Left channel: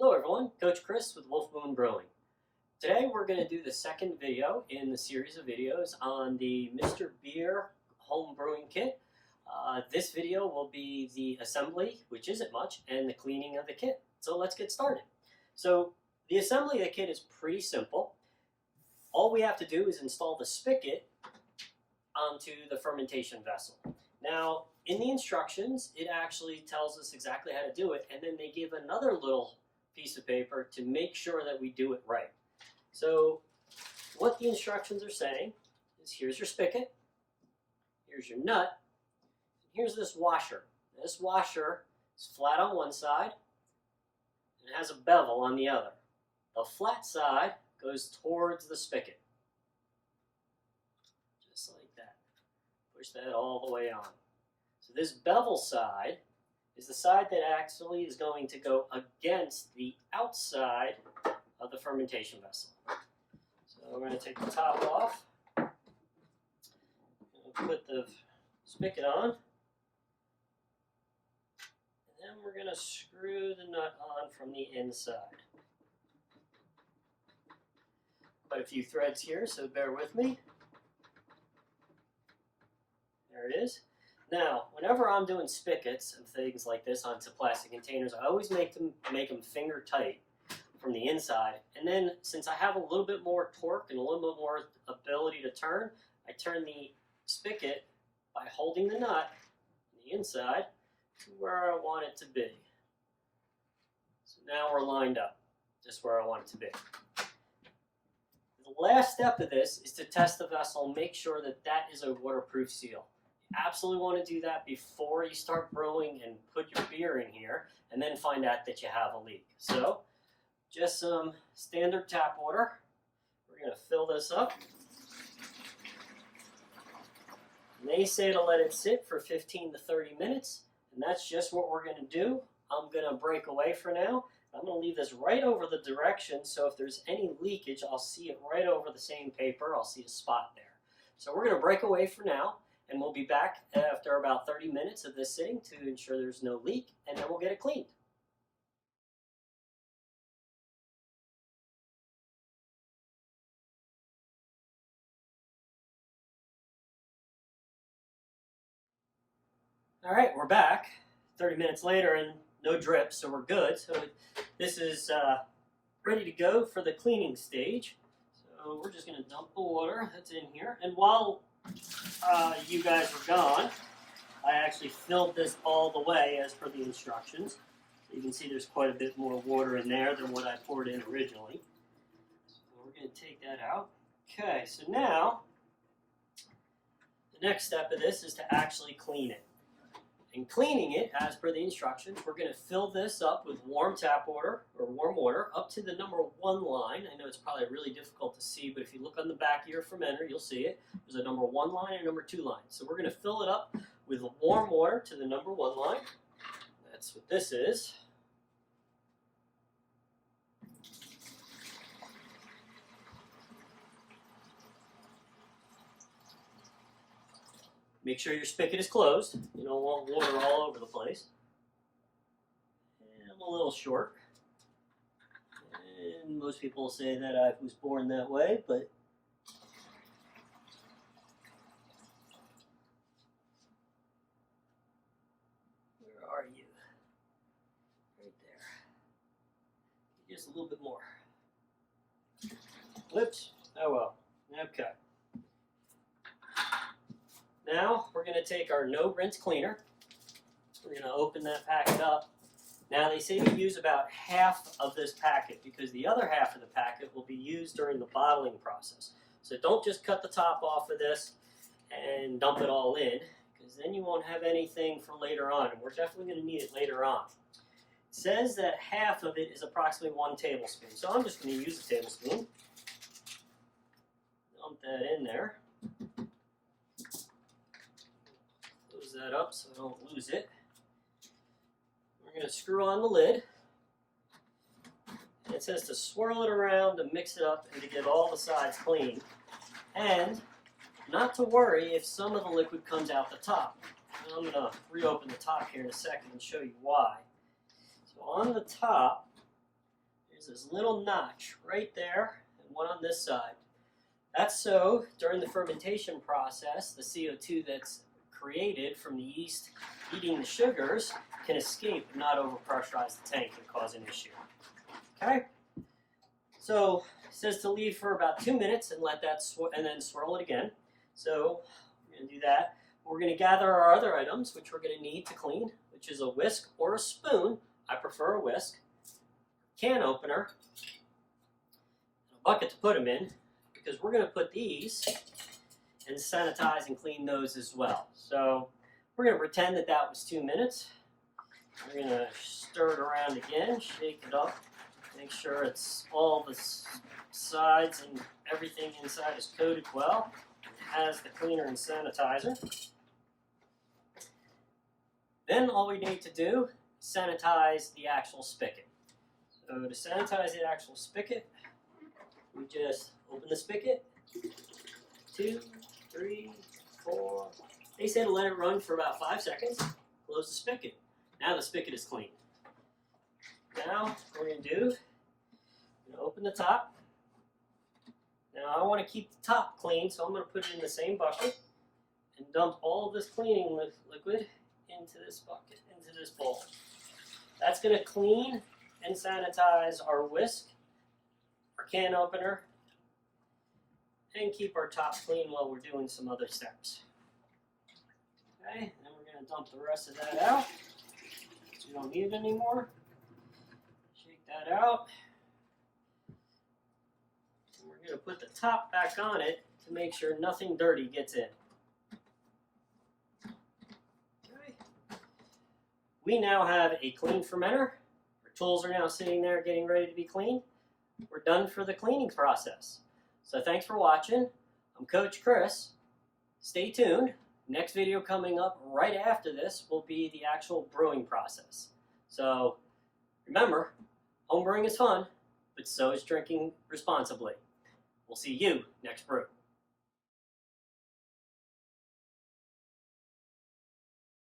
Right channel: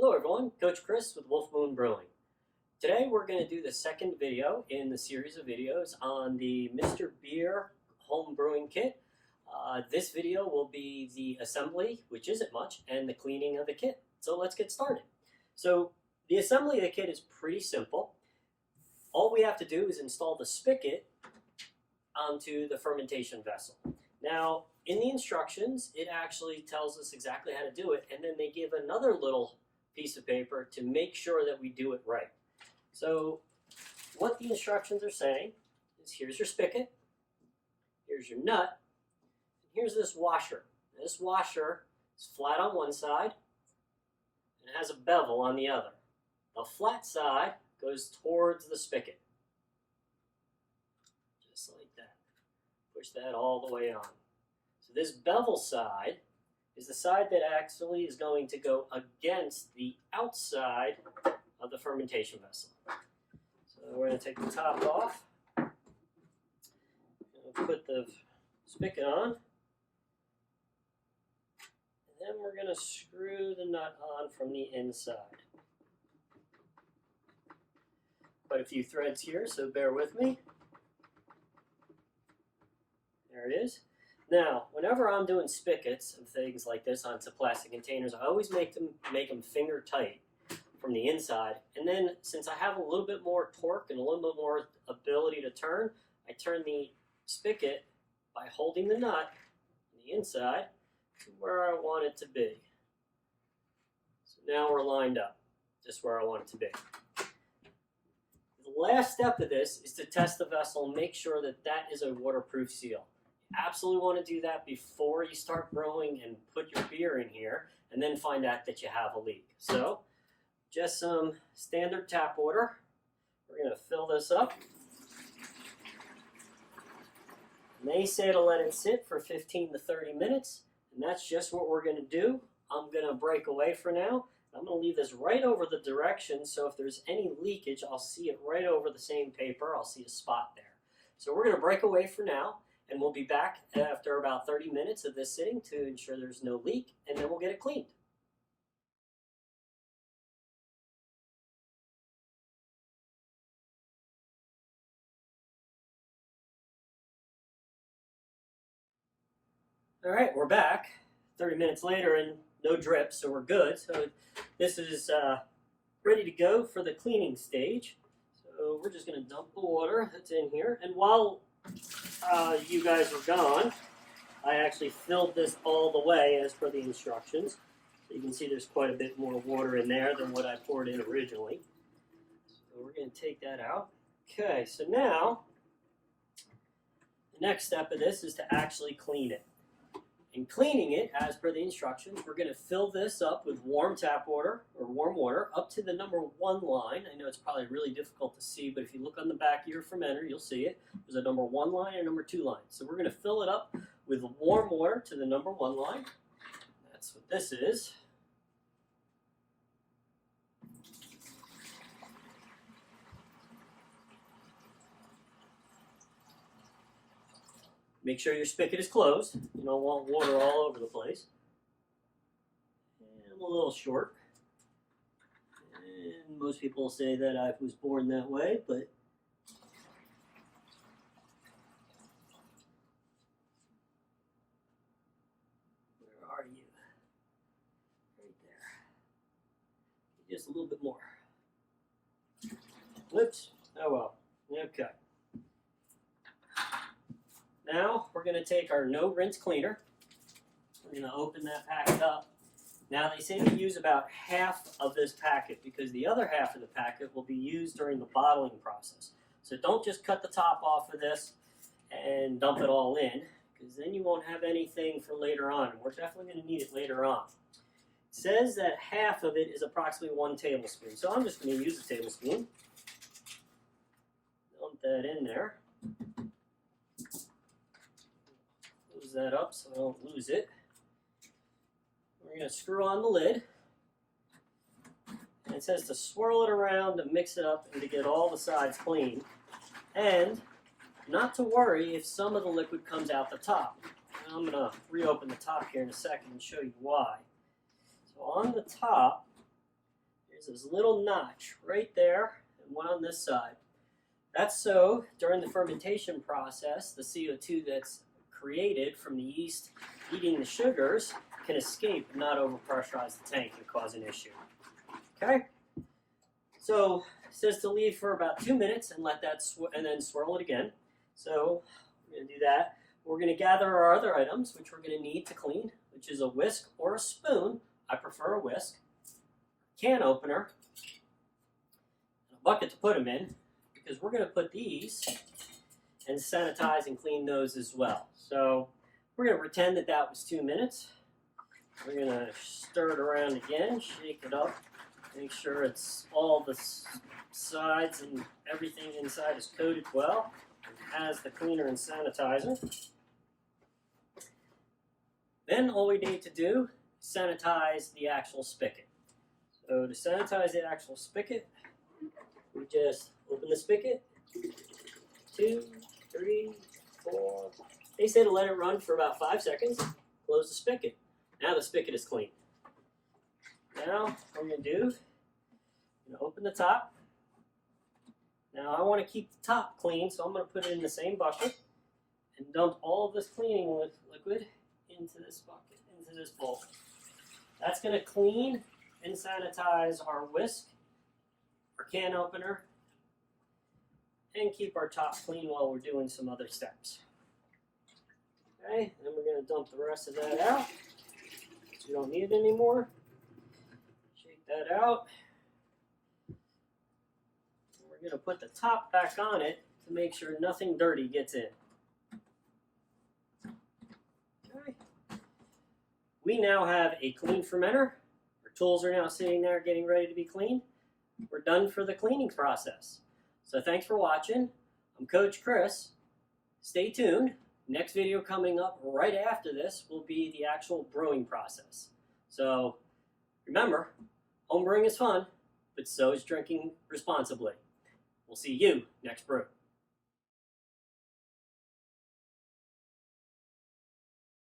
Hello everyone, Coach Chris with WolfMoon Brewing. Today we're going to do the second video in the series of videos on the Mr.Beer HomeBrewing Kit. This video will be the assembly, which isn't much, and the cleaning of the kit. So let's get started. So the assembly of the kit is pretty simple. All we have to do is install the spigot onto the fermentation vessel. Now, in the instructions, it actually tells us exactly how to do it, and then they give another little piece of paper to make sure that we do it right. So what the instructions are saying is here's your spigot, here's your nut, and here's this washer. This washer is flat on one side and it has a bevel on the other. The flat side goes towards the spigot. Just like that. Push that all the way on. So this bevel side is the side that actually is going to go against the outside of the fermentation vessel. So we're going to take the top off, we'll put the spigot on, and then we're going to screw the nut on from the inside. Quite a few threads here, so bear with me. There it is. Now, whenever I'm doing spigots and things like this onto plastic containers, I always make them finger tight from the inside. And then, since I have a little bit more torque and a little bit more ability to turn, I turn the spigot by holding the nut on the inside to where I want it to be. So now we're lined up, just where I want it to be. The last step of this is to test the vessel and make sure that that is a waterproof seal. Absolutely want to do that before you start brewing and put your beer in here and then find out that you have a leak. So just some standard tap water. We're going to fill this up. And they say to let it sit for 15 to 30 minutes, and that's just what we're going to do. I'm going to break away for now. I'm going to leave this right over the directions, so if there's any leakage, I'll see it right over the same paper. I'll see a spot there. So we're going to break away for now. And we'll be back after about 30 minutes of this sitting to ensure there's no leak, and then we'll get it cleaned. All right, we're back 30 minutes later and no drips, so we're good. So this is ready to go for the cleaning stage. So we're just going to dump the water that's in here. And while you guys were gone, I actually filled this all the way as per the instructions. So you can see there's quite a bit more water in there than what I poured in originally. So we're going to take that out. Okay, so now the next step of this is to actually clean it. In cleaning it, as per the instructions, we're going to fill this up with warm tap water, or warm water, up to the number 1 line. I know it's probably really difficult to see, but if you look on the back of your fermenter, you'll see it. There's a number 1 line and a number 2 line. So we're going to fill it up with warm water to the number 1 line. That's what this is. Make sure your spigot is closed. You don't want water all over the place. And I'm a little short. And most people say that I was born that way, but where are you? Right there. Just a little bit more. Whoops. Oh well. Okay. Now we're going to take our no rinse cleaner. We're going to open that packet up. Now they say to use about half of this packet because the other half of the packet will be used during the bottling process. So don't just cut the top off of this and dump it all in, because then you won't have anything for later on, and we're definitely going to need it later on. It says that half of it is approximately 1 tablespoon. So I'm just going to use a tablespoon. Dump that in there. That up so I don't lose it. We're going to screw on the lid. And it says to swirl it around to mix it up and to get all the sides clean. And not to worry if some of the liquid comes out the top. Now I'm going to reopen the top here in a second and show you why. So on the top, There's this little notch right there and one on this side. That's so during the fermentation process, the CO2 that's created from the yeast eating the sugars can escape and not overpressurize the tank and cause an issue. Okay? So it says to leave for about 2 minutes and let that and then swirl it again. So we're going to do that. We're going to gather our other items, which we're going to need to clean, which is a whisk or a spoon. I prefer a whisk. Can opener. A bucket to put them in, because we're going to put these and sanitize and clean those as well. So we're going to pretend that that was 2 minutes. We're going to stir it around again, shake it up, make sure it's all the sides and everything inside is coated well. It has the cleaner and sanitizer. Then all we need to do is sanitize the actual spigot. So to sanitize the actual spigot, we just open the spigot, 2, 3, 4. They say to let it run for about 5 seconds. Close the spigot. Now the spigot is clean. Now what we're going to do, I'm going to open the top. Now I want to keep the top clean, so I'm going to put it in the same bucket and dump all of this cleaning liquid into this bucket, into this bowl. That's going to clean and sanitize our whisk, our can opener, and keep our top clean while we're doing some other steps. Okay, and then we're going to dump the rest of that out, because we don't need it anymore. Shake that out. And we're going to put the top back on it to make sure nothing dirty gets in. Okay. We now have a clean fermenter. Our tools are now sitting there getting ready to be cleaned. We're done for the cleaning process. So thanks for watching. I'm Coach Chris. Stay tuned. Next video coming up right after this will be the actual brewing process. So remember, home brewing is fun, but so is drinking responsibly. We'll see you next brew.